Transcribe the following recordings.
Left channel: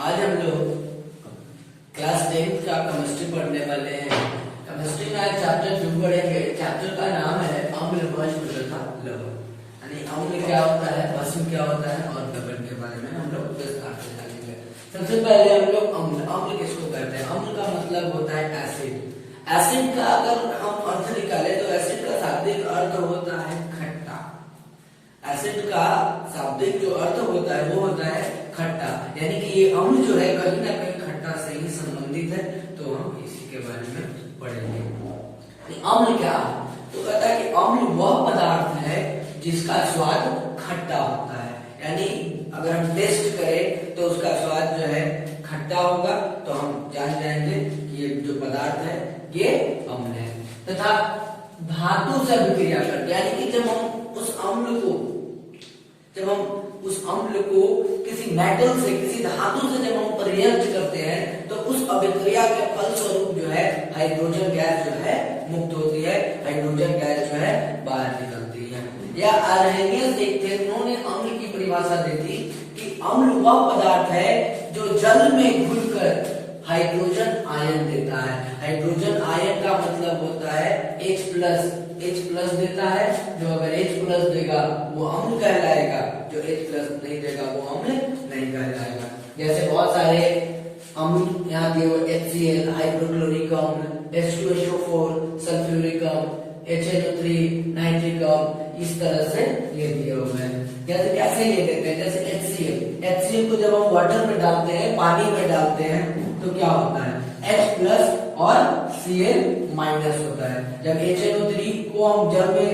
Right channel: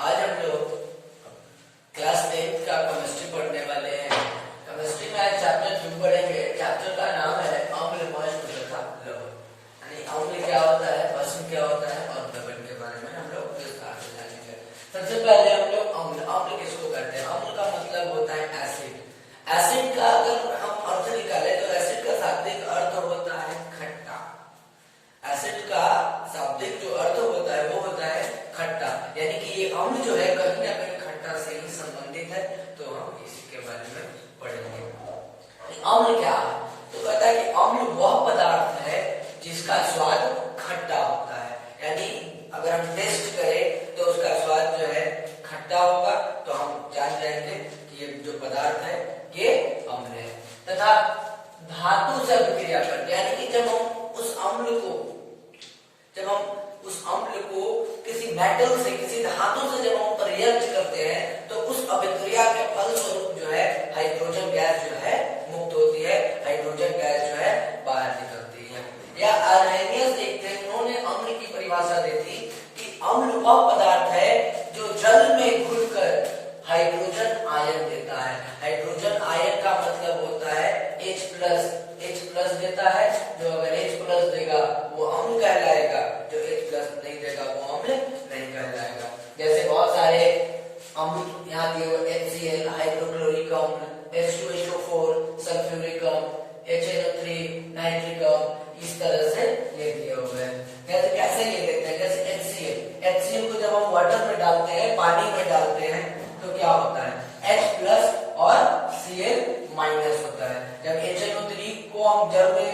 आज हम लोग क्लास 10th का केमिस्ट्री पढ़ने वाले हैं। केमिस्ट्री में आज चैप्टर 2 पढ़ेंगे। चैप्टर का नाम है अम्ल, भस्म तथा लवण। यानी अम्ल क्या होता है, भस्म क्या होता है और लवण के बारे में हम लोग विस्तार से जानेंगे। सबसे पहले हम लोग अम्ल किसको कहते हैं? अम्ल का मतलब होता है एसिड। एसिड का अगर हम अर्थ निकाले तो एसिड का शाब्दिक अर्थ होता है खट्टा। एसिड का शाब्दिक जो अर्थ होता है वो होता है खट्टा, यानी कि ये अम्ल जो है कहीं ना कहीं खट्टा से ही संबंधित है। तो हम इसी के बारे में पढ़ेंगे। अम्ल क्या है? तो कहता है कि अम्ल वह पदार्थ है जिसका स्वाद खट्टा होता है। यानी अगर हम टेस्ट करें तो उसका स्वाद जो है खट्टा होगा, तो हम जान जाएंगे कि ये जो पदार्थ है ये अम्ल है। तथा धातु से अभिक्रिया करते हैं, यानी कि जब हम उस अम्ल को किसी मेटल से, किसी धातु से जब हम रिएक्ट करते हैं तो उस अभिक्रिया के फलस्वरूप जो है हाइड्रोजन गैस जो है मुक्त होती है, हाइड्रोजन गैस जो है बाहर निकलती है। या आर्हेनियस एक थे, उन्होंने अम्ल की परिभाषा दी थी कि अम्ल वह पदार्थ है जो जल में घुलकर हाइड्रोजन आयन देता है। हाइड्रोजन आयन का मतलब होता है H+ देता है। जो अगर H+ देगा वो अम्ल कहलाएगा, जो H+ नहीं देगा वो अम्ल नहीं कहलाएगा। जैसे बहुत सारे अम्ल यहाँ दिए हुए HCl हाइड्रोक्लोरिक अम्ल, H2SO4 सल्फ्यूरिक अम्ल, HNO3 नाइट्रिक अम्ल, इस तरह से ये दिए हुए हैं। जैसे कैसे ये देते हैं? जैसे HCl को जब हम वाटर में डालते हैं, पानी में डालते हैं तो क्या होता है? H+ और Cl- होता है। जब HNO3 को हम जल में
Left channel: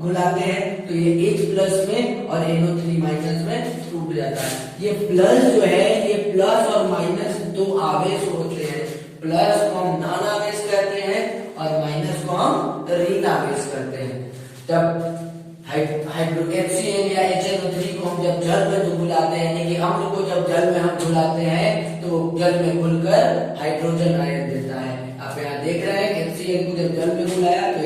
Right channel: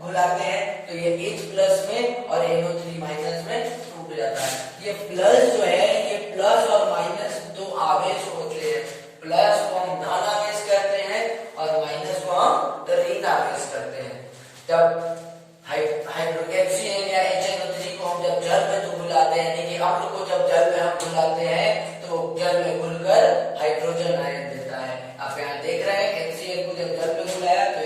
घुलाते हैं तो ये H+ में और NO3- में टूट जाता है। ये प्लस जो है, ये प्लस और माइनस दो आवेश होते हैं। प्लस को हम धन आवेश कहते हैं और माइनस को हम ऋण आवेश करते हैं। जब HCl या HNO3 को हम जब जल में घुलाते हैं, यानी कि अम्ल को जब जल में हम घुलाते हैं तो जल में घुलकर हाइड्रोजन आयन देता है। आप यहाँ देख रहे हैं HCl को जब जल में घुलाया तो H+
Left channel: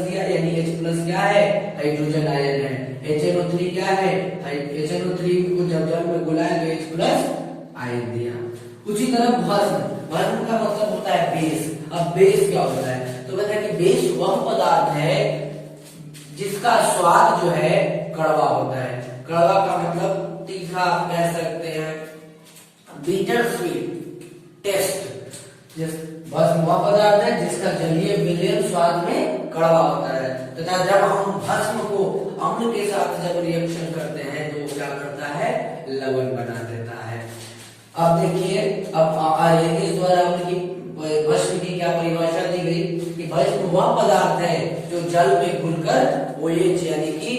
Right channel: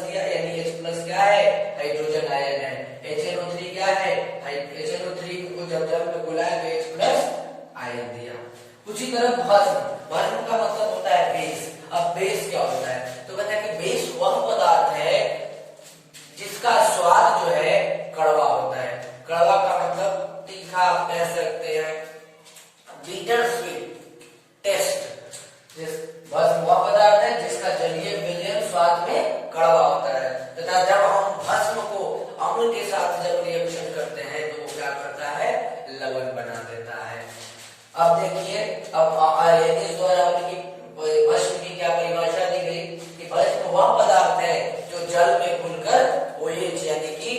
दिया, यानी H+ क्या है? हाइड्रोजन आयन है। HNO3 क्या है? HNO3 को जब जल में घुलाया तो H+ आयन दिया। उसी तरह भस्म का मतलब होता है बेस। अब बेस क्या होता है? तो कहते हैं कि बेस वह पदार्थ है जिसका स्वाद जो है कड़वा होता है। कड़वा का मतलब तीखा आप कह सकते हैं, बिटर स्वीट टेस्ट। भस्म वह पदार्थ है जिसका जलीय विलयन स्वाद में कड़वा होता है। तथा जब हम भस्म को अम्ल के साथ जब रिएक्शन करते हैं तो वो क्या करता है? लवण बना देता है। अब देखिए, अब आर्हेनियस द्वारा अम्ल की भस्म की क्या परिभाषा दी गई कि भस्म वह पदार्थ है जो जल में घुलकर OH यानी कि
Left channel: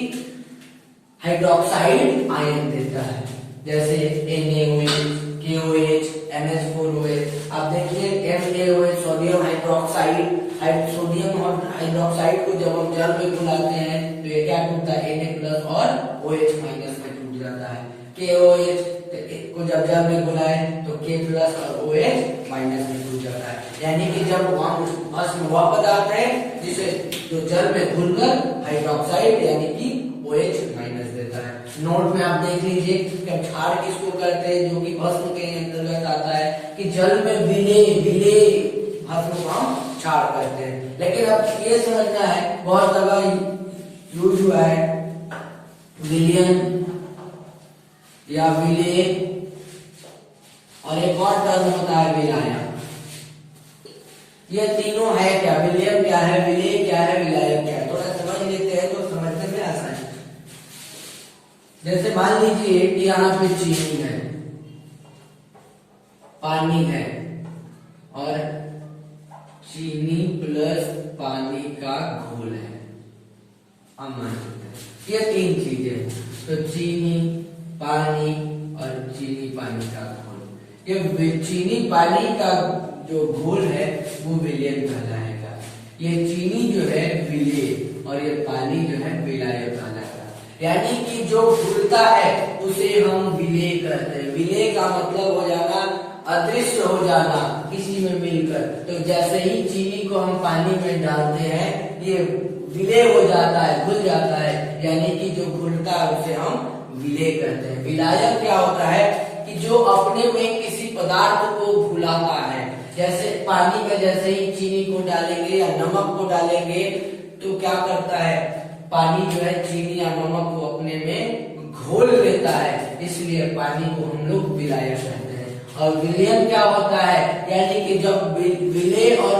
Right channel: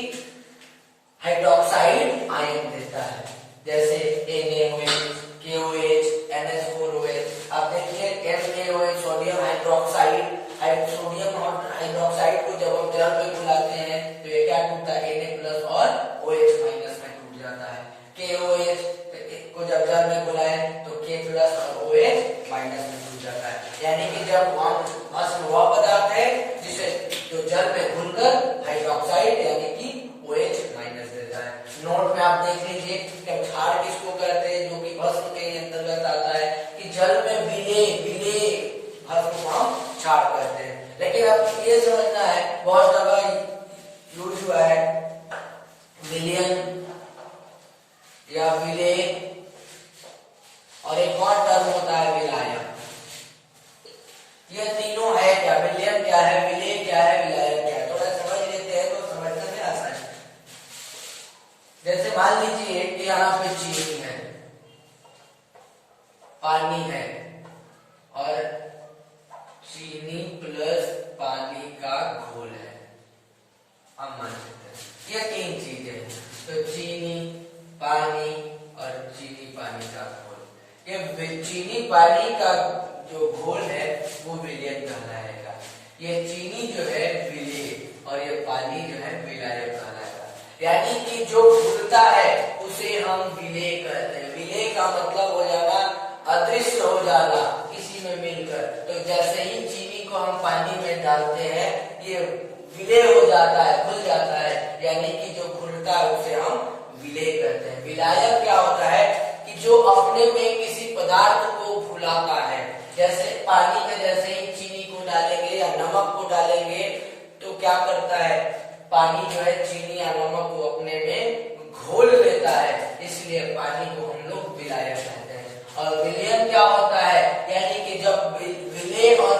हाइड्रोक्साइड आयन देता है। जैसे NaOH, KOH, NH4OH। अब देखिए NaOH sodium hydroxide, sodium hydroxide को जब हम जल में घुलाते हैं तो ये क्या टूटता है? Na+ और OH- में टूट जाता है। KOH को जब जल में घुलाए तो K+ और OH- में टूट जाता है। यानी कि जब भस्म वह पदार्थ है जिसे जो जल में घुलकर हाइड्रोक्साइड यानी कि OH- देता है। नोट में आप देख लीजिए कि क्षार किसको कहते हैं, जो कि भस्म के अंतर्गत आता है कि जल में विले भस्म को हम क्षार कहते हैं। लेकिन अब ये समझना है, बहुत जगह यूज हुआ है विलियन या विले, और एक और टर्म होता है विलायक। ये तीनों है क्या? विलियन क्या है, विले क्या है, विलायक क्या है? थोड़ा समझ लेते हैं तो समझने में आसान है। जैसे मान लीजिए कि यहाँ पे चीनी है, पानी है और चीनी प्लस पानी का घोल है। हम मान सकते हैं ये तीन चीजें, तो चीनी, पानी और चीनी पानी का घोल। ये चीनी पानी का जो घोल है वो विलयन कहलाएगा। ये चीनी जो है विले और ये पानी जो है विलायक कहलाएगा। यानी कि जो घुलता है उसे हम विले कहते हैं। विले का मतलब हो जाना अदृश्य हो जाना किसी में मिलकर। तो जैसे ही चीनी को हम पानी में डालते हैं ये विले हो जाता है, घुल जाता है, यानी कि जो घुलता है उसे हम विले कहते हैं। विलायक क्या होता है कि जो अपने में किसी पदार्थ को घुलाता है, जैसे पानी में जैसे ही चीनी को डालेंगे या नमक को डालेंगे तो क्या करता है, पानी जो है चीनी या नमक को अपने में घोल लेता है, इसलिए पानी को हम लोग विलायक कहते हैं। और विलयन क्या होता है, यानी कि जब विलेय और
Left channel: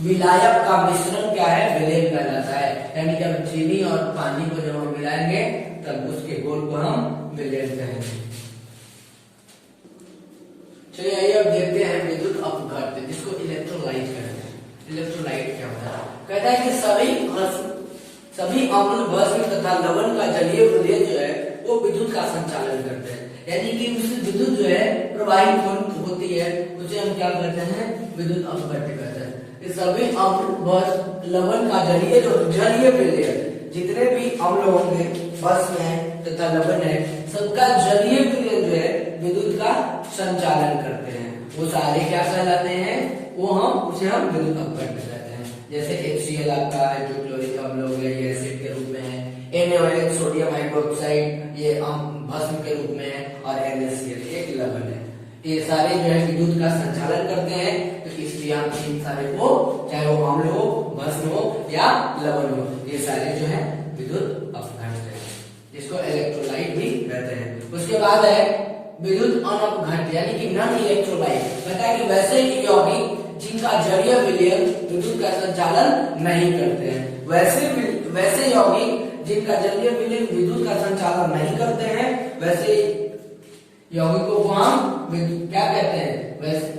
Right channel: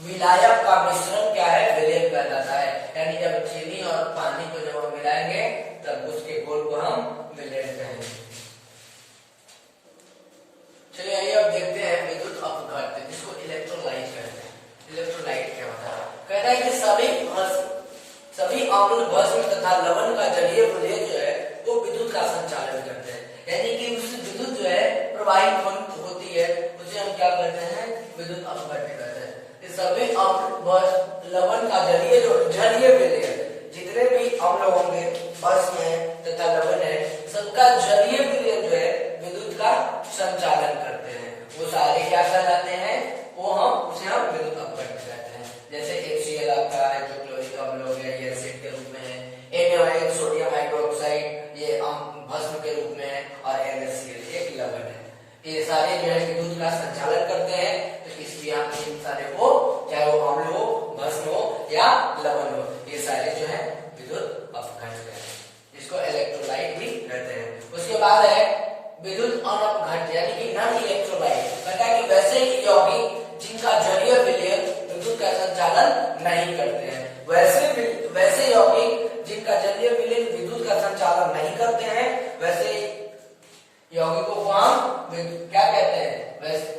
विलायक का मिश्रण क्या है, विलयन कहलाता है। यानी जब चीनी और पानी को जब हम मिलाएंगे तब उसके घोल को हम विलयन कहेंगे। चलिए आइए अब देखते हैं विद्युत अपघट्य, जिसको इलेक्ट्रोलाइट कहते हैं। इलेक्ट्रोलाइट क्या होता है, कहता है कि सभी अम्ल, भस्म तथा लवण का जलीय विलय जो है वो विद्युत का संचालन करते हैं। यानी कि उस विद्युत जो है प्रवाहित होती है, उसे हम क्या करते हैं, विद्युत अपघट्य कहते हैं। इस सभी अम्ल, भस्म, लवण का जलीय विलय, जितने भी अम्ल होंगे, भस्म है तथा लवण है, सबका जलीय विलय जो है विद्युत का संचालन करते हैं। वो सारे क्या कहलाते हैं, वो उसे हम विद्युत अपघट्य कहते हैं। जैसे HCl आपका है जो क्लोरिक अम्ल हो गया, ये एसिड के रूप में है। NaOH सोडियम हाइड्रोक्साइड ये भस्म के रूप में है, और NaCl एक लवण है। ये सारे जो है विद्युत का संचालन करते हैं, तो इसलिए हम इन सारे को, चाहे वो अम्ल हो, भस्म हो या लवण हो, ये सारे जो है विद्युत अपघट्य है, जिसको इलेक्ट्रोलाइट भी कहते हैं। उसके बाद है विद्युत अनपघट्य, यानी कि नॉन इलेक्ट्रोलाइट। कहता है कि वैसे यौगिक जिनका जलीय विलय विद्युत का संचालन नहीं करते हैं, वैसे यौगिक जिनका जलीय विलय विद्युत का संचालन नहीं करते हैं, वैसे यौगिकों को हम क्या कहते हैं,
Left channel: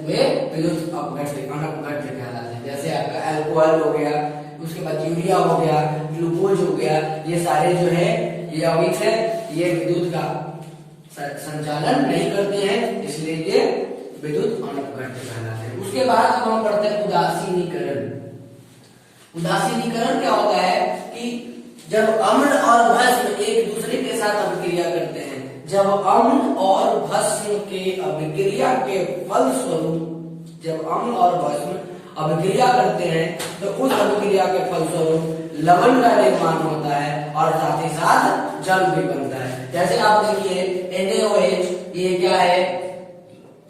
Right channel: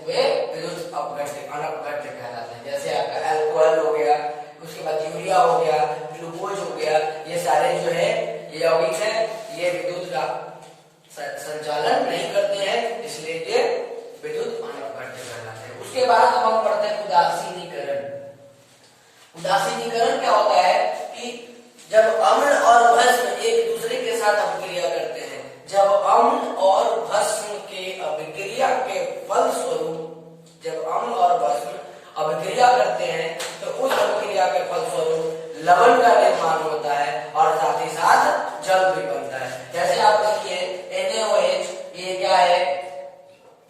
वे विद्युत अपघट्य, अनपघट्य कहलाते हैं। जैसे आपका अल्कोहल हो गया, उसके बाद यूरिया हो गया, ग्लूकोज हो गया, ये सारे जो है ये यौगिक है, ये विद्युत का संचालन नहीं करते हैं, इसलिए ये विद्युत अनपघट्य कहलाते हैं। उसके बाद हम पढ़ते हैं उदासीनीकरण। उदासीनीकरण क्या होता है कि जब अम्ल और भस्म एक दूसरे के साथ अभिक्रिया करते हैं, जब अम्ल और भस्म के अभिक्रिया के फलस्वरूप, जब अम्ल और भस्म अभिक्रिया करते हैं तो उस अभिक्रिया के फलस्वरूप लवण का निर्माण होता है और साथ ही साथ जल भी बनता है। जैसे आप देखिए NaOH ये क्या है,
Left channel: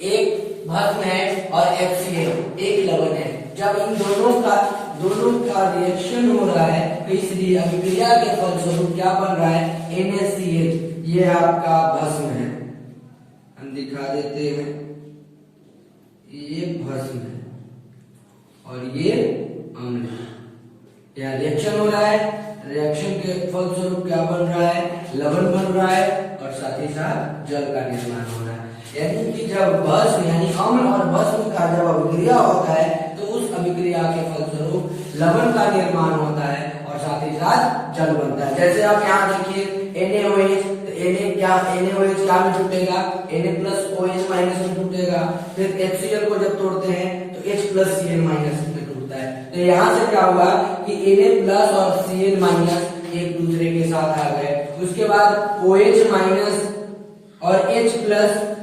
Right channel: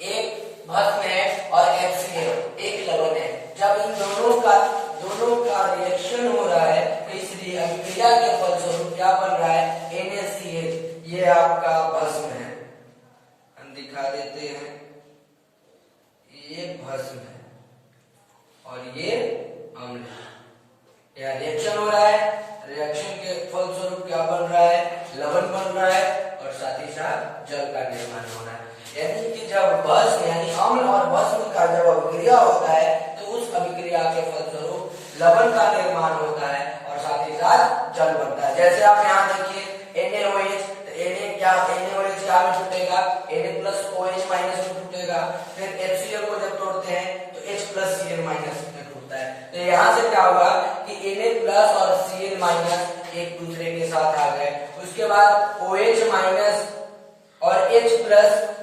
एक भस्म है, और HCl एक लवण है। जब इन दोनों का रिएक्शन हो रहा है तो इस अभिक्रिया के फलस्वरूप क्या बन रहा है, NaCl ये आपका भस्म है, हम दिखा देते हैं, ये भस्म है और ये अम्ल है। यह रिएक्शन हो रहा है, रिएक्शन के फलस्वरूप क्या बन रहा है, लवण बन रहा है और साथ ही साथ जल का निर्माण हो रहा है। यानी कि जब भस्म यानी अम्ल और भस्म का जब अभिक्रिया होता है तो उस अभिक्रिया के फलस्वरूप लवण का निर्माण होता है और साथ ही साथ जल बनता है। जैसे आप यहाँ देखिए NaOH, NaOH क्या में टूटेगा, Na+OH- में टूटेगा। फिर HCl को जब तोड़ते हैं तो H+Cl- में टूटता है। तो यहाँ से क्या हुआ कि Na+ और Cl- एक दूसरे के साथ आ गए। उसके बाद OH- और H+, Na+Cl-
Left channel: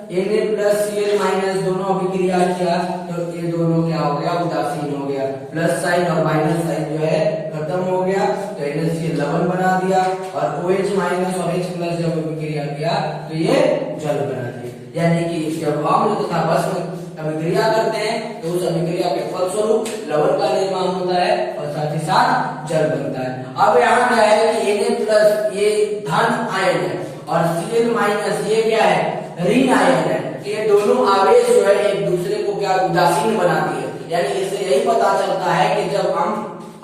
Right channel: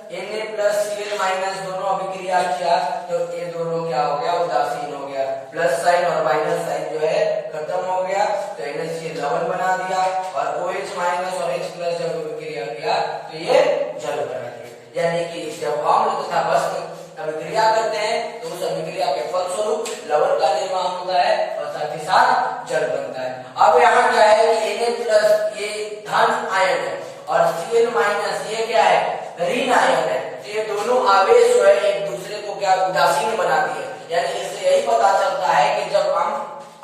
दोनों अभिक्रिया किया तो ये दोनों क्या हो गया, उदासीन हो गया। प्लस साइन और माइनस साइन जो है खत्म हो गया, तो NaCl लवण बना दिया और OH- और H+ जब अभिक्रिया किया तो ये जल बना दिया। यानी कि जब अम्ल तथा भस्म अभिक्रिया करते हैं तो उस अभिक्रिया के फलस्वरूप लवण का निर्माण होता है और साथ ही साथ जल बनता है। अब यहाँ क्या है कि Na+ ये धन आयन है और Cl- ये क्या है, ऋण आयन है। तो ये दोनों आवेश जो है एक दूसरे को क्या उदासीन बनाती है। यानी इससे यही पता चलता है कि जब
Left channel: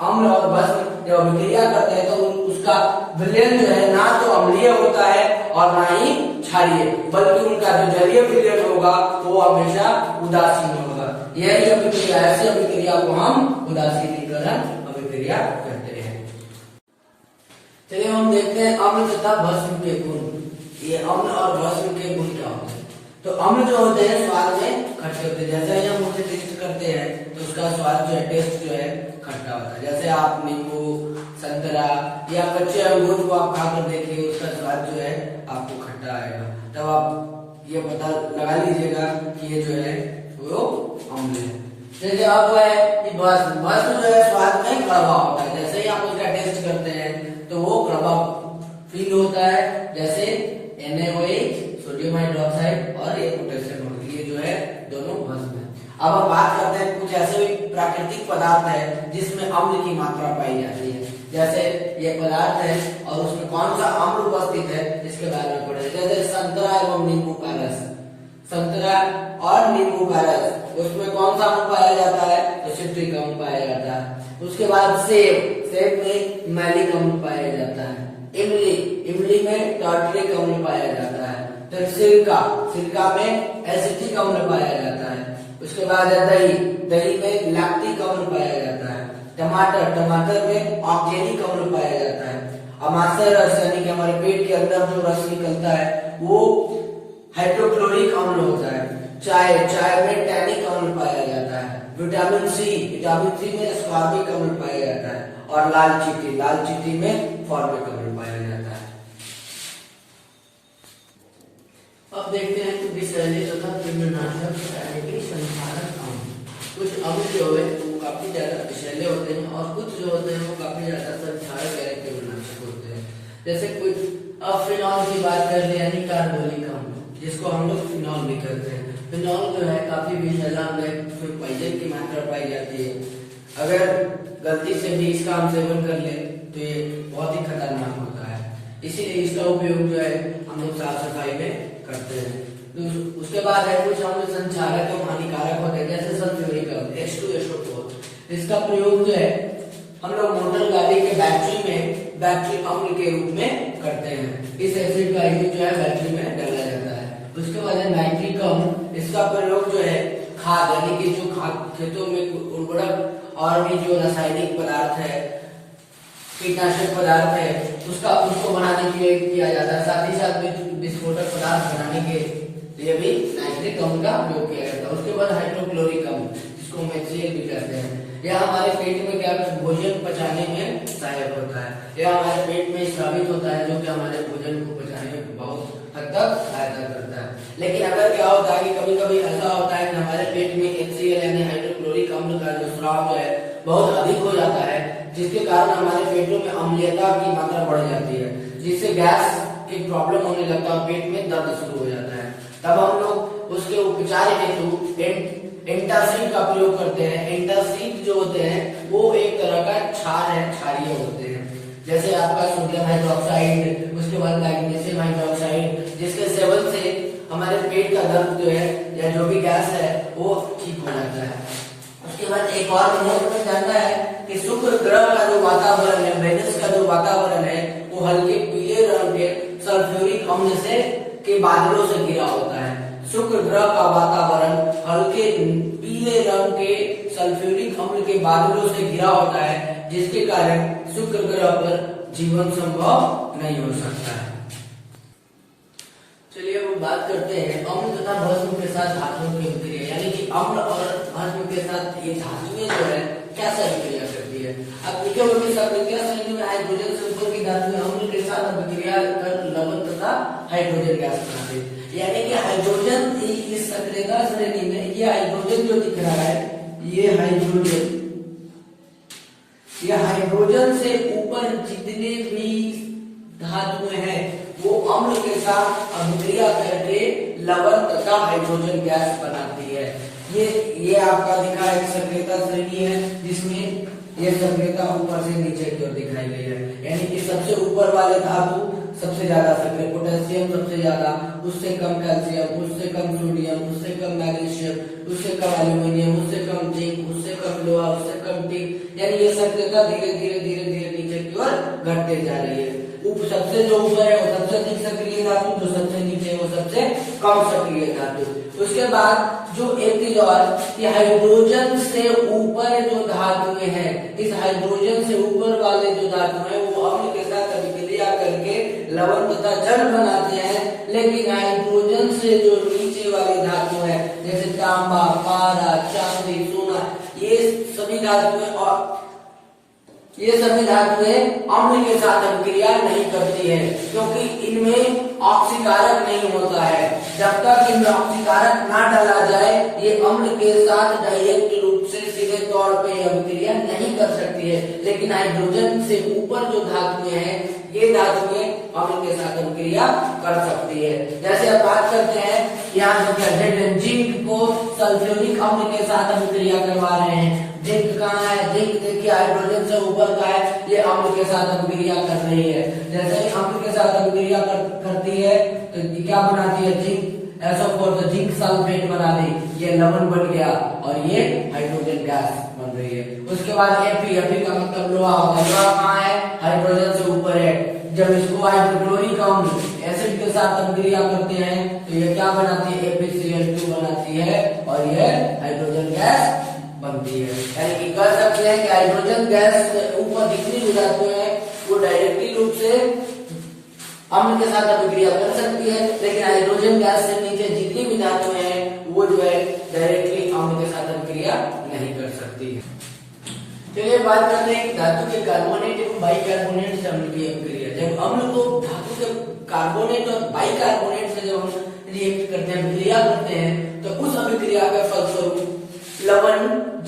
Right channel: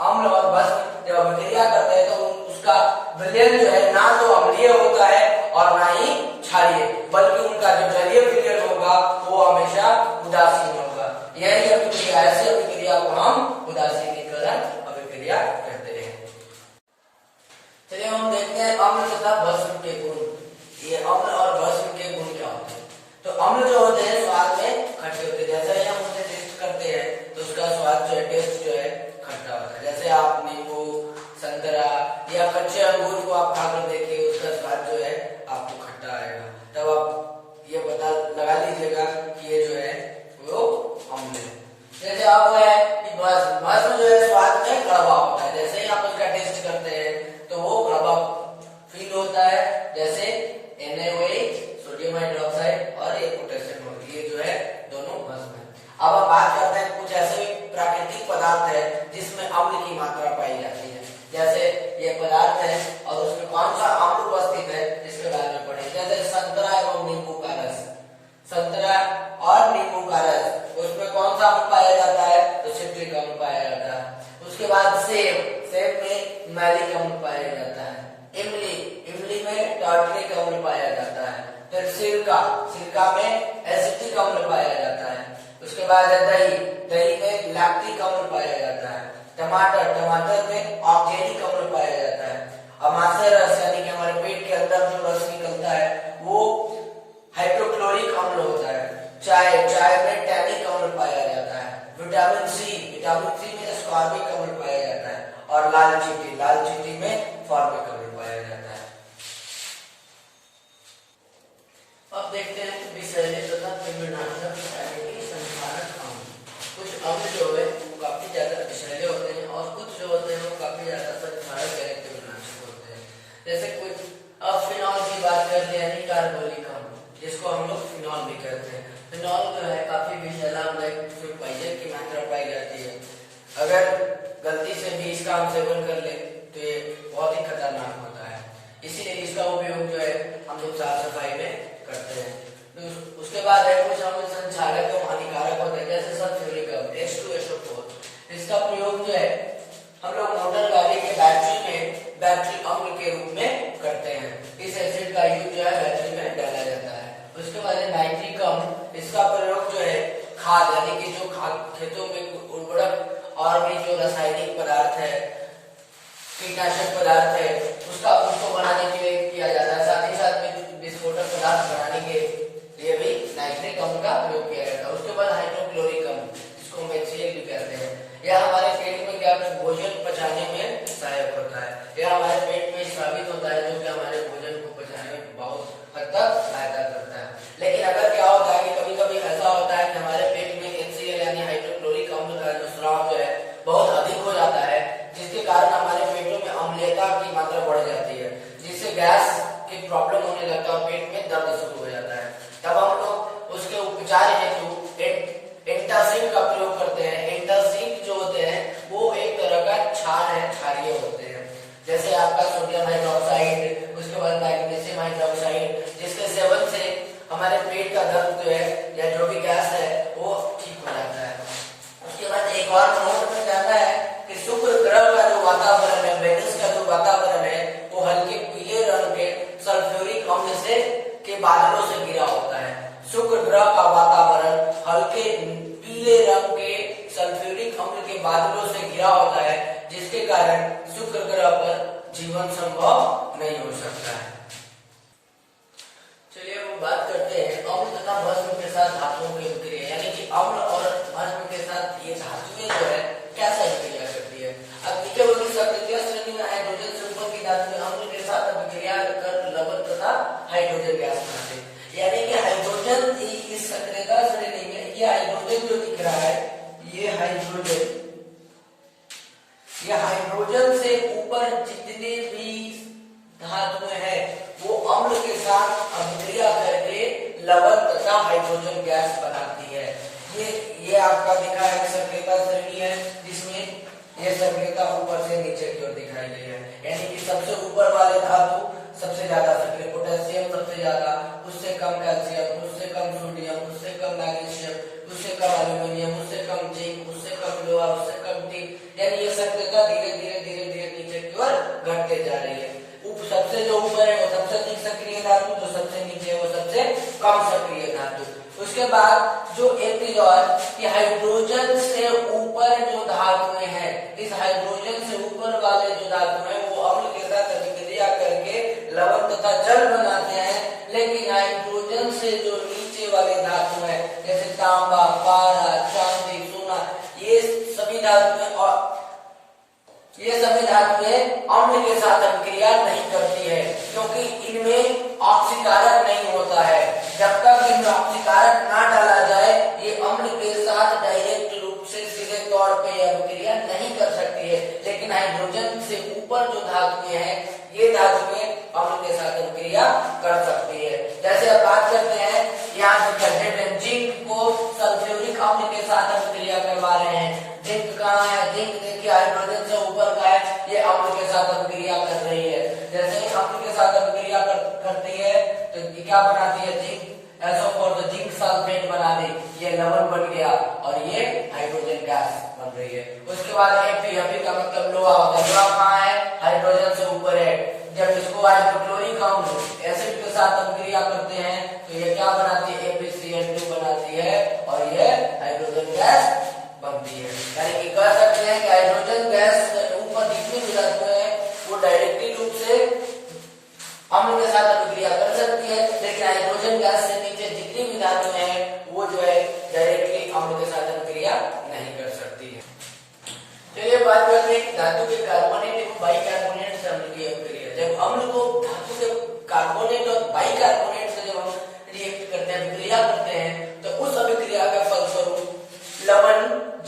अम्ल और भस्म जब अभिक्रिया करते हैं तो उसका विलयन जो है ना तो अम्लीय होता है और ना ही क्षारीय, बल्कि उनका जो जलीय विलयन होगा वो हमेशा उदासीन होगा। यही अभिक्रिया, ऐसी अभिक्रिया को हम उदासीनीकरण अभिक्रिया कहते हैं। चलिए हम देखते हैं अम्ल तथा भस्म के गुण। ये अम्ल और भस्म के गुण क्या होते हैं। तो अम्ल जो होते हैं स्वाद में खट्टे होते हैं। जैसे ही हम उसे टेस्ट करते हैं तो उसका स्वाद जो है, टेस्ट जो है खट्टा होता है। जैसे आप नींबू, संतरा या कच्चे अंगूर को आप खाकर देखिए, उसका स्वाद जो है आपको खट्टा आएगा। तब आप ये पता लगा लीजिएगा कि ये जो है वो अम्ल है। जैसे अब है कि भस्म जो है स्वाद में कड़वा होता है। जैसे ही आप उसका टेस्ट करते हैं तो वो कड़वा फील होता है। जैसे NaOH सोडियम हाइड्रोक्साइड और एक पदार्थ है और उसमें कौन सा अम्ल उपस्थित है इसके बारे में पढ़े। जैसे संतरा एवं नींबू का रस, संतरा और नींबू का रस, उसमें कौन सा अम्ल पाया जाता है तो सिट्रिक अम्ल पाया जाता है। उसके बाद सेब, सेब में मैलिक अम्ल पाया जाता है। इमली, इमली में टार्टरिक अम्ल पाया जाता है। फिर सिरका, सिरका में एसिटिक अम्ल पाया जाता है। उसके बाद है दही, दही में लैक्टिक अम्ल पाया जाता है। टमाटर, टमाटर में ऑक्जेलिक अम्ल पाया जाता है। अमाशय रस यानी कि हमारे पेट के अंदर जो रस निकलता है वो हाइड्रोक्लोरिक अम्ल होता है। चाय, चाय में टैनिक अम्ल पाया जाता है। विटामिन सी, विटामिन सी में एस्कॉर्बिक अम्ल पाया जाता है। और लाल चींटी, लाल चींटी में फॉर्मिक अम्ल पाया जाता है। अब देखते हैं विषैले तथा कृमिनाशक संहारक अम्ल। कुछ अम्ल जो है वो काफी ज्यादा विषैले होते हैं और कुछ जो होते हैं वो काफी ज्यादा संहारक यानी कृमिनाशक होते हैं। जैसे कुछ अब फिनॉल की बात कर ले यानी कार्बोलिक अम्ल, जिसको हम लोग फिनॉल भी कहते हैं। फिनॉल जो है काफी विषैला अम्ल है, उसमें पॉइजन की मात्रा पाई जाती है। अगर गलती से भी इसका हम सेवन कर ले तो ये बहुत ही खतरनाक होता है, इसीलिए इसका उपयोग जो है हम लोग साफ सफाई में करते हैं। तो उसके बाद है कुछ अम्ल संक्षारक एवं हानिकारक होते हैं, जैसे सल्फ्यूरिक अम्ल H2SO4। इसका प्रयोग जो है हम लोग मोटर गाड़ी के बैटरी में बैटरी अम्ल के रूप में करते हैं। इस एसिड का यूज जो है बैटरी में डाला जाता है। उसके बाद है नाइट्रिक अम्ल, इसका प्रयोग जो है खाद यानी कि जो खाद खेतों में उर्वरक और भी जो रासायनिक पदार्थ है, कीटनाशक पदार्थ है, उसको बनाने के लिए किया जाता है। साथ ही साथ में विस्फोटक पदार्थ बनाने के लिए भी नाइट्रिक अम्ल का प्रयोग किया जाता है। उसके बाद हाइड्रोक्लोरिक अम्ल, जिसको हम HCl भी कहते हैं, यह हमारे पेट में क्या भोजन पचाने में सहायक होता है। यह हमारे पेट में स्रावित होता है, जो कि हमारे भोजन को पचाने में बहुत हद तक सहायता करता है। लेकिन अगर क्या होता है कि कभी कभी ऐसा होता है कि हमारे पेट में HCl यानी हाइड्रोक्लोरिक अम्ल का जो स्राव जो है बहुत अधिक हो जाता है, जिसके कारण हमारे पेटों में अम्लीयता की मात्रा बढ़ जाती है, जिससे गैस की प्रॉब्लम होने लगता है और पेट में दर्द शुरू हो जाता है। तब हम लोग उसके उपचार हेतु एंटासिड का प्रयोग करते हैं। एंटासिड जो होते हैं वो एक तरह का क्षार है, क्षारीय होते हैं। जैसे आपका सोडियम हाइड्रोक्साइड, उसके बाद मैग्नीशियम हाइड्रोक्साइड, जिसके सेवन से हमारे पेट का दर्द जो है या जो भी गैस है वो ठीक हो जाता है। उसके बाद एक और नोट में जानना है कि शुक्र ग्रह का जो वातावरण है, वेनस का जो वातावरण है, वो हल्के पीले रंग के सल्फ्यूरिक अम्ल से के बादलों से घिरा होता है। शुक्र ग्रह का वातावरण हल्के पीले रंग के सल्फ्यूरिक अम्ल के बादलों से घिरा होता है, जिसके कारण शुक्र ग्रह पर जीवन संभव नहीं हो सकता है। चलिए अब बात करते हैं अम्ल तथा भस्म के साथ धातुओं की अभिक्रिया, यानी कि अम्ल और भस्म के साथ ये धातुएं जो है कैसा अभिक्रिया करती है। अब नीचे वाली सक्रिय श्रेणी में हाइड्रोजन से ऊपर की धातुएं अम्ल के साथ अभिक्रिया कर लवण तथा हाइड्रोजन गैस बनाते हैं। यानी कि हाइड्रोजन इस सक्रियता श्रेणी में ये हाइड्रोजन जो दिख रहा है, ये हाइड्रोजन से ऊपर जितने भी धातुएं हैं वो अम्ल के साथ अभिक्रिया करके लवण तथा हाइड्रोजन गैस बनाती है। ये आपका दिखा है सक्रियता श्रेणी है, जिसमें ये सक्रियता ऊपर से नीचे की ओर दिखाई गई है। यानी कि सबसे ऊपर वाले धातु सबसे ज्यादा सक्रिय, पोटेशियम सबसे ज्यादा, उससे कम कैल्शियम, उससे कम सोडियम, उससे कम मैग्नीशियम, उससे कम एल्यूमिनियम, उससे कम जिंक, उससे कम लोहा, उससे कम टिन। यानी ये सक्रियता धीरे धीरे नीचे की ओर घटते जा रही है। सबसे जो ऊपर है वो सबसे अधिक सक्रिय धातु, जो सबसे नीचे है वो सबसे कम सक्रिय धातु। उसके बाद जो एक चीज और कि हाइड्रोजन से ऊपर जो धातुएं हैं, इस हाइड्रोजन से ऊपर वाले जो धातु हैं वो अम्ल के साथ अभिक्रिया करके लवण तथा जल बनाते हैं। लेकिन हाइड्रोजन से जो नीचे वाले धातु हैं, जैसे तांबा, पारा, चांदी, सोना, ये सभी धातुएं अम्ल के साथ अभिक्रिया नहीं करती है, क्योंकि इनमें ऑक्सीकारक नहीं होता है। जब तक इनमें ऑक्सीकारक ना डाला जाए ये अम्ल के साथ डायरेक्ट रूप से सीधे तौर पे अभिक्रिया नहीं कर सकती है। लेकिन हाइड्रोजन से ऊपर जो धातुएं हैं ये धातुएं अम्ल के साथ अभिक्रिया कर सकती है। जैसे अब बात करते हैं यहाँ जिंक को सल्फ्यूरिक सल्फ्यूरिक अम्ल के साथ अभिक्रिया करवा रहे हैं। जिंक कहाँ है, जिंक देखिए हाइड्रोजन से ऊपर का है, ये अम्ल के साथ अभिक्रिया कर रही है। जैसे ही अम्ल के साथ अभिक्रिया करती है तो क्या बनाती है, जिंक SO4 तो जिंक सल्फेट बना दी, ये लवण बन गया और ये हाइड्रोजन गैस बन रही है। उसके बाद Fe का मतलब लोहा होता है। लोहा कहाँ है, हाइड्रोजन से ऊपर है। जब इसको हाइड्रोक्लोरिक अम्ल एसिड के साथ अभिक्रिया करते हैं तो ये क्या बनाती है, FeCl2 बनाती है और ये हाइड्रोजन गैस बनती है। यानी कि कह सकते हैं कि हाइड्रोजन गैस ऊपर जितनी भी धातुएं हैं वो डायरेक्टली रूप से अम्ल के साथ अभिक्रिया कर सकती है, लेकिन हाइड्रोजन गैस से नीचे जितनी भी धातुएं हैं वो जो है डायरेक्टली अम्ल के साथ अभिक्रिया नहीं कर सकती है। चलिए बात करते हैं कि धातु के कार्बोनेट एवं बाइकार्बोनेट से अम्ल की अभिक्रिया। जब अम्ल को धातु के कार्बोनेट और बाइकार्बोनेट से जब हम रिएक्ट करते हैं, अभिक्रिया करते हैं, तो उस अभिक्रिया का फलस्वरूप लवण,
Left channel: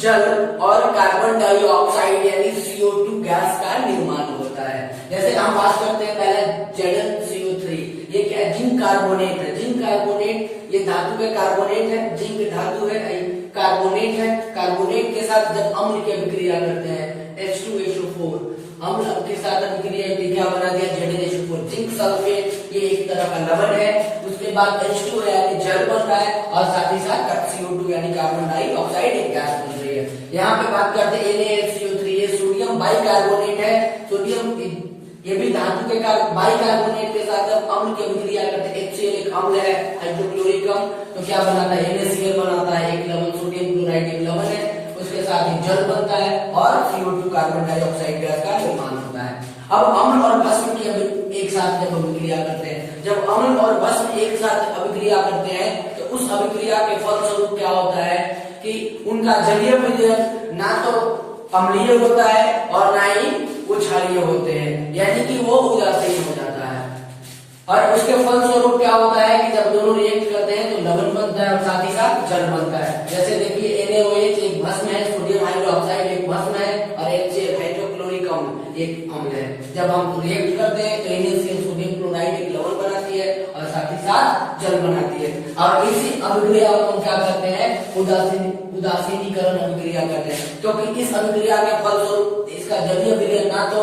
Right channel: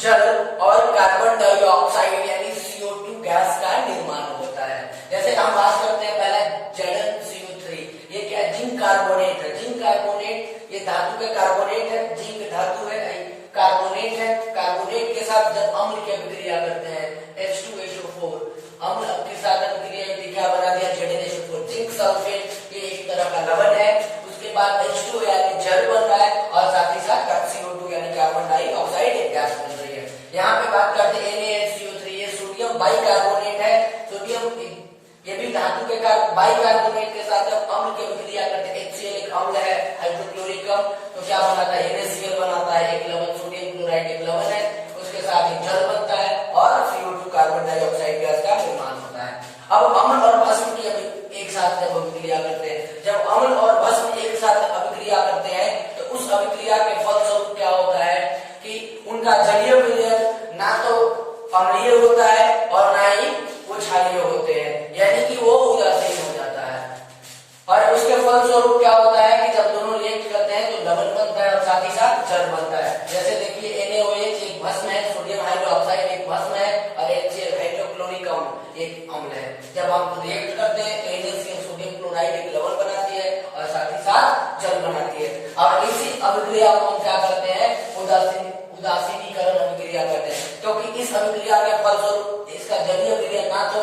जल और कार्बन डाइऑक्साइड यानी CO2 गैस का निर्माण होता है। जैसे हम बात करते हैं पहले ZnCO3, ये क्या है, जिंक कार्बोनेट है। जिंक कार्बोनेट ये धातु के कार्बोनेट है, जिंक धातु है, कार्बोनेट है। कार्बोनेट के साथ जब अम्ल की अभिक्रिया करते हैं H2SO4 अम्ल के साथ अभिक्रिया क्या बना दिया, ZnHO4 जिंक सल्फेट, ये एक तरह का लवण है। उसके बाद H2 यानी जल बन रहा है और साथ ही साथ CO2 यानी कार्बन डाइऑक्साइड एक गैस बन रही है। यहाँ पे बात करते हैं NaHCO3, ये सोडियम बाइकार्बोनेट है। सोडियम ये भी धातु के बाइकार्बोनेट के साथ जब अम्ल की अभिक्रिया करते हैं, HCl एक अम्ल है, हाइड्रोक्लोरिक अम्ल, तो क्या बनाता है, NaCl बनाता है, एक लवण, सोडियम क्लोराइड एक लवण है, उसके साथ ही जल बनता है और CO2 कार्बन डाइऑक्साइड गैस का निर्माण होता है। अब अम्ल और भस्म की एक साथ जब अभिक्रिया करते हैं, जब अम्ल और भस्म एक साथ अभिक्रिया करते हैं तो उस अभिक्रिया के फलस्वरूप क्या होता है कि उनका जलीय विलयन ना तो अम्लीय होता है और ना ही वो क्षारीय होते हैं, यानी कि वो उदासीन हो जाता है। और उसके फलस्वरूप क्या होता है कि जब दोनों रिएक्ट करते हैं तो लवण बनता है और साथ ही साथ जल बनता है। जैसे देखिए NaOH एक भस्म है, सोडियम हाइड्रोक्साइड एक भस्म है और HCl हाइड्रोक्लोरिक अम्ल एक अम्ल है। जब हम रिएक्ट करते हैं तो NaCl सोडियम क्लोराइड एक लवण बनाती है और साथ ही साथ जल बनाती है। और इसी अभिक्रिया को हम क्या करते हैं, उदासीनीकरण अभिक्रिया करते हैं, क्योंकि इस अभिक्रिया के फलस्वरूप इसका जलीय विलयन ना तो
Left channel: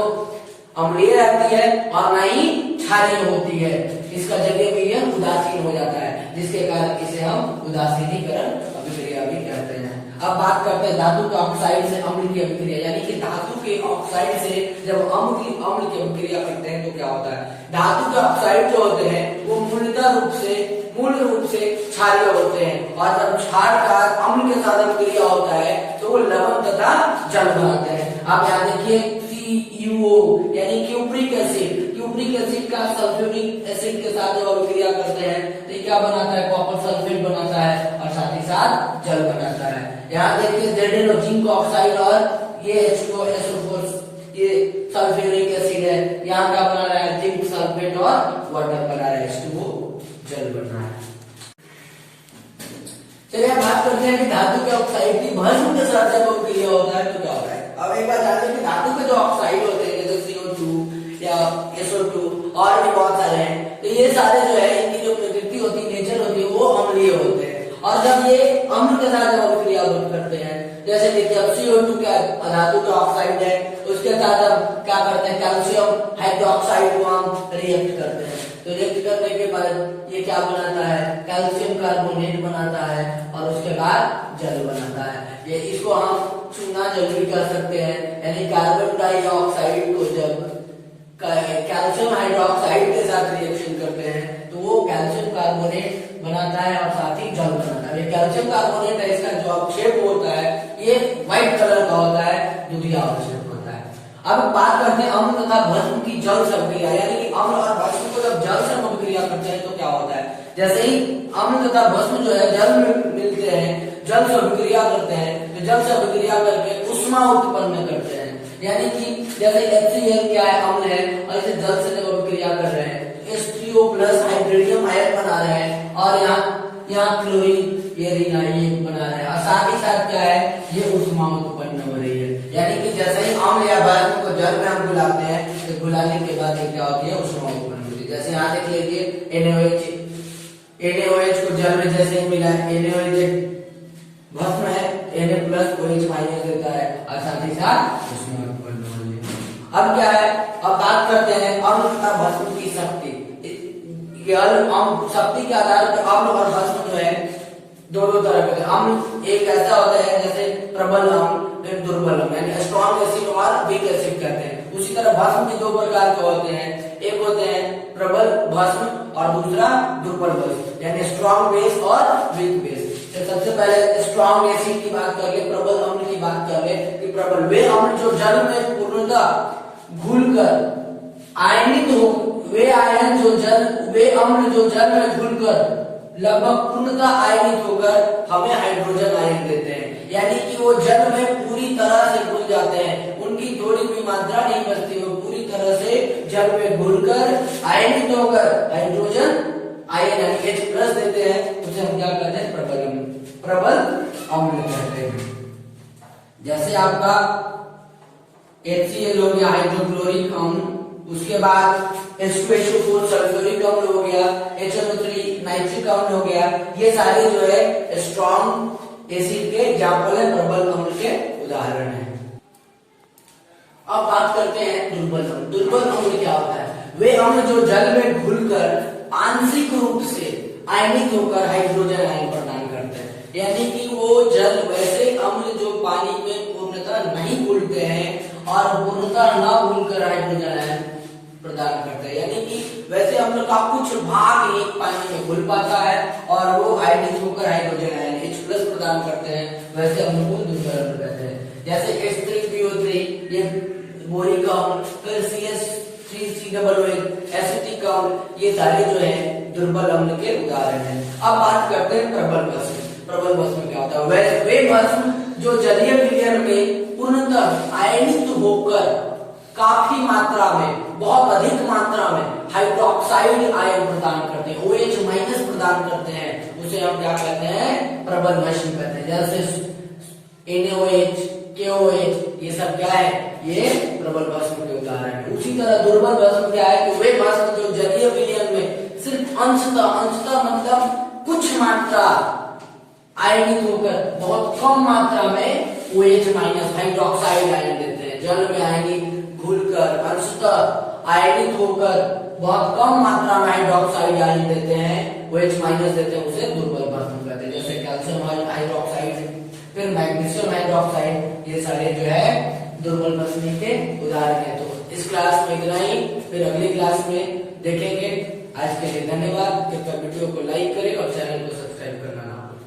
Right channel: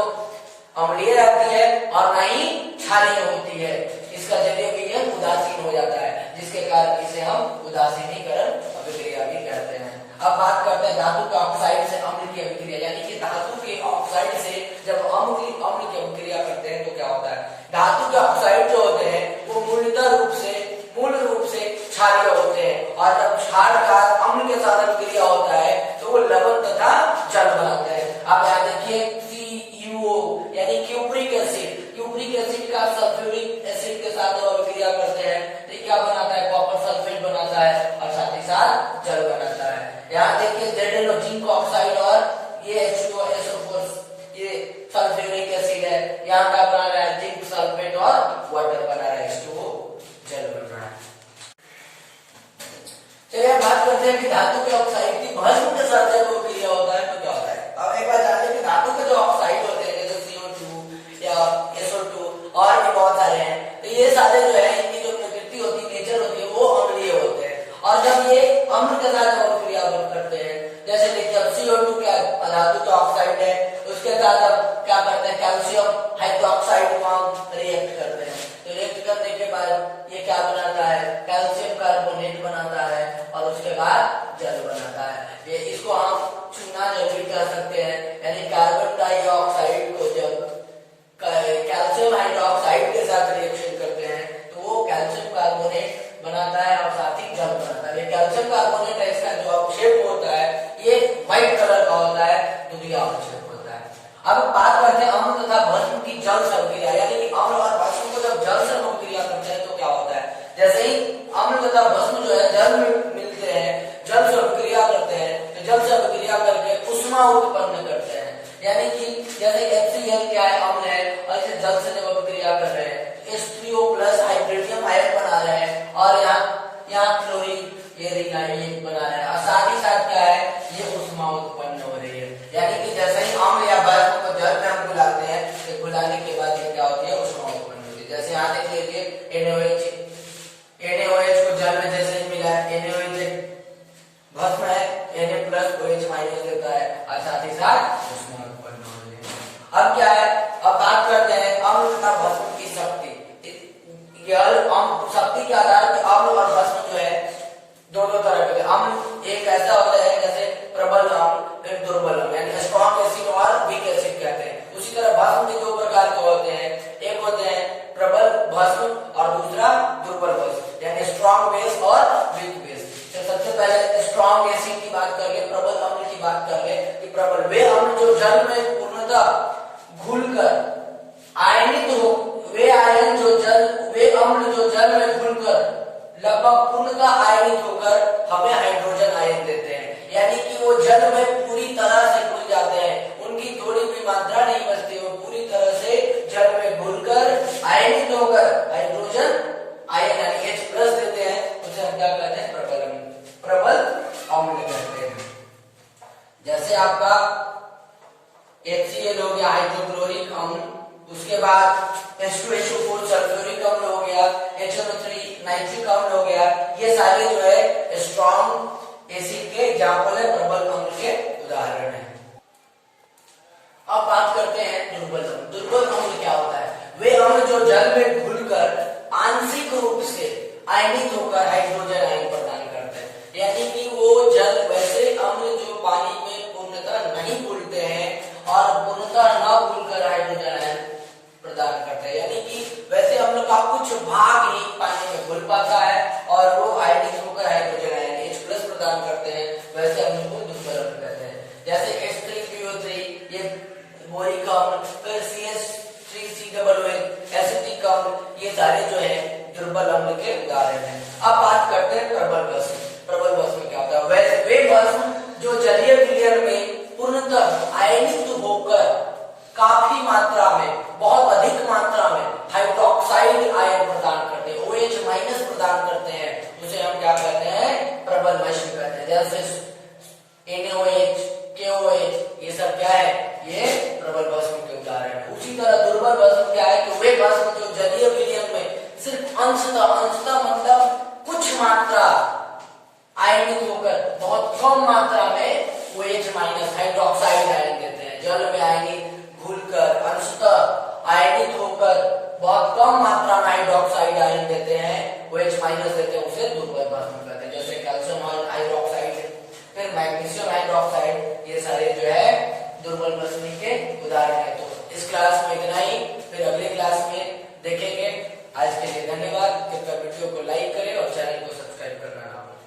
अम्लीय रहती है और ना ही क्षारीय होती है, इसका जलीय विलयन उदासीन हो जाता है, जिसके कारण इसे हम उदासीनीकरण अभिक्रिया भी कहते हैं। अब बात करते हैं धातु के ऑक्साइड से अम्ल की अभिक्रिया, यानी कि धातु के ऑक्साइड से जब अम्ल की अभिक्रिया करते हैं तो क्या होता है, धातु के ऑक्साइड जो होते हैं वो मूल रूप से क्षारीय होते हैं और जब क्षार का अम्ल के साथ अभिक्रिया होता है तो वो लवण तथा जल बनाते हैं। आप यहाँ देखिए CuO यानी क्यूप्रिक एसिड का सल्फ्यूरिक एसिड के साथ जब अभिक्रिया करते हैं तो क्या बनाता है, कॉपर सल्फेट बनाता है और साथ ही साथ जल बनाता है। यहाँ देखिए ZnO जिंक ऑक्साइड और ये H2SO4 ये सल्फ्यूरिक एसिड है, यहाँ क्या बना रहा है, जिंक सल्फेट और वाटर बना रहा है, H2O जल बन रहा है। चलिए बात करते हैं कि धातु के ऑक्साइड की भस्म के साथ जब अभिक्रिया होता है तो क्या होता है। अब एक बात जानते हैं कि धातु के जो ऑक्साइड होते हैं जैसे CO2 या SO2 और भी बहुत सारे हैं, तो ये सारे जो है इनकी जो प्रकृति होती है, नेचर होती है, वो अम्लीय होते हैं। और जब ये अम्ल के साथ अभिक्रिया करते हैं, जैसे देखिए अब CO2 क्या धातु का ऑक्साइड है, उसके साथ हम क्या करते हैं, कैल्शियम हाइड्रोक्साइड को हम रिएक्ट करते हैं, तो रिएक्ट करने के बाद ये क्या बनाता है, कैल्शियम कार्बोनेट बनाता है और उसके बाद जल बनाता है। ये इसको हम चूना जल भी कह सकते हैं, यानी कार्बन डाइऑक्साइड को जब कैल्शियम हाइड्रोक्साइड के साथ रिएक्शन करते हैं तो वो कैल्शियम कार्बोनेट बनाता है और साथ ही जल बनाता है। कैल्शियम कार्बोनेट है, इसका जो अवक्षेप होता है ये व्हाइट कलर का होता है, दुधिया अवक्षेप होता है। अब बात करते हैं अम्ल तथा भस्म की जल से अभिक्रिया, यानी कि अम्ल और भस्म को जब जल से अभिक्रिया करते हैं तो क्या होता है। जैसे ही अम्ल तथा भस्म जो है जल में मिलते हैं, जल से अभिक्रिया करते हैं, तो जल से अभिक्रिया करके उष्मा उत्पन्न करते हैं, यानी कि जैसे HCl क्या है, अम्ल है, और इसे जल से जब अभिक्रिया कर रहे हैं H3O प्लस हाइड्रोजन आयन बना रहे हैं और यहाँ क्लोरीन ये बना रहे हैं और साथ ही साथ क्या है, ये उष्मा उत्पन्न हो रही है। यानी कि जैसे ही अम्ल या भस्म को जल में हम घुलाते हैं तो घुलाने के बाद क्या होती है, उष्मा उत्पन्न होती है। जैसे यहाँ देख लीजिए NaOH को जल में जैसे ही मिला, NaOH के आधार पर अम्ल और भस्म जो है दो दो तरह के होते हैं। अम्ल एक ऐसा होता है जैसे प्रबल अम्ल, फिर दुर्बल अम्ल, यानी स्ट्रॉन्ग एसिड और वीक एसिड कहते हैं। उसी तरह भस्म के दो प्रकार के होते हैं, एक होते हैं प्रबल भस्म और दूसरा दुर्बल भस्म, यानी स्ट्रॉन्ग बेस और वीक बेस। तो सबसे पहले स्ट्रॉन्ग एसिड की बात कर ले, प्रबल अम्ल की बात कर ले कि प्रबल वे अम्ल जो जल में पूर्णतः घुलकर आयनित हो, वे आयन जो जल, वे अम्ल जो जल में घुलकर लगभग पूर्णतः आयनित होकर हमें हाइड्रोजन आयन देते हैं, यानी कि वो जल में पूरी तरह से घुल जाते हैं, उनकी थोड़ी भी मात्रा नहीं बचती, वो पूरी तरह से जल में घुलकर आयनित होकर हाइड्रोजन आयन यानी H प्लस देते हैं। उसे हम क्या कहते हैं? प्रबल अम्ल, प्रबल अम्ल कहते हैं। जैसे आपका HCl हो गया हाइड्रोक्लोरिक अम्ल, उसके बाद H2SO4 सल्फ्यूरिक अम्ल हो गया, HNO3 नाइट्रिक अम्ल हो गया, ये सारे जो है स्ट्रॉन्ग एसिड के एग्जाम्पल है, प्रबल अम्ल के उदाहरण है। अब बात करते हैं दुर्बल अम्ल। दुर्बल अम्ल क्या होता है? वे अम्ल जो जल में घुलकर आंशिक रूप से आयनित होकर हाइड्रोजन आयन प्रदान करते हैं, यानी कि वो जल, वैसे अम्ल जो पानी में पूर्णतः नहीं घुलते हैं और पूर्णतः न घुलकर हाइड्रोजन आयन प्रदान करते हैं, यानी कि वैसे अम्ल का कुछ भाग ही पानी में घुल पाता है और वो आयनित होकर हाइड्रोजन आयन H प्लस प्रदान करते हैं, वैसे अम्ल को दुर्बल अम्ल कहते हैं। जैसे H3PO3 ये बोरिक अम्ल, फिर CH3COOH एसिटिक अम्ल, ये सारे जो है दुर्बल अम्ल के उदाहरण हैं। अब बात करते हैं प्रबल भस्म। प्रबल भस्म क्या होता है? वे भस्म जो जलीय विलयन में पूर्णतः आयनित होकर काफी मात्रा में, बहुत अधिक मात्रा में हाइड्रोक्साइड आयन प्रदान करते हैं, OH माइनस प्रदान करते हैं, उसे हम क्या कहते हैं? प्रबल भस्म कहते हैं। जैसे NaOH, KOH, ये सब क्या है? ये प्रबल भस्म के उदाहरण है। उसी तरह दुर्बल भस्म क्या है? कि वे भस्म जो जलीय विलयन में सिर्फ अंशतः मतलब कुछ मात्रा आयनित होकर बहुत कम मात्रा में OH माइनस हाइड्रोक्साइड आयन देते हैं, जल में आयनित घुलकर अंशतः आयनित होकर बहुत कम मात्रा में हाइड्रोक्साइड आयन देते हैं, OH माइनस देते हैं, उसे दुर्बल भस्म कहते हैं। जैसे कैल्शियम हाइड्रोक्साइड, फिर मैग्नीशियम हाइड्रोक्साइड, ये सारे जो है दुर्बल भस्म के उदाहरण है। तो इस क्लास में इतना ही, फिर अगली क्लास में देखेंगे। आज के लिए धन्यवाद। कृपया वीडियो को लाइक करें और चैनल को सब्सक्राइब करना ना भूलें।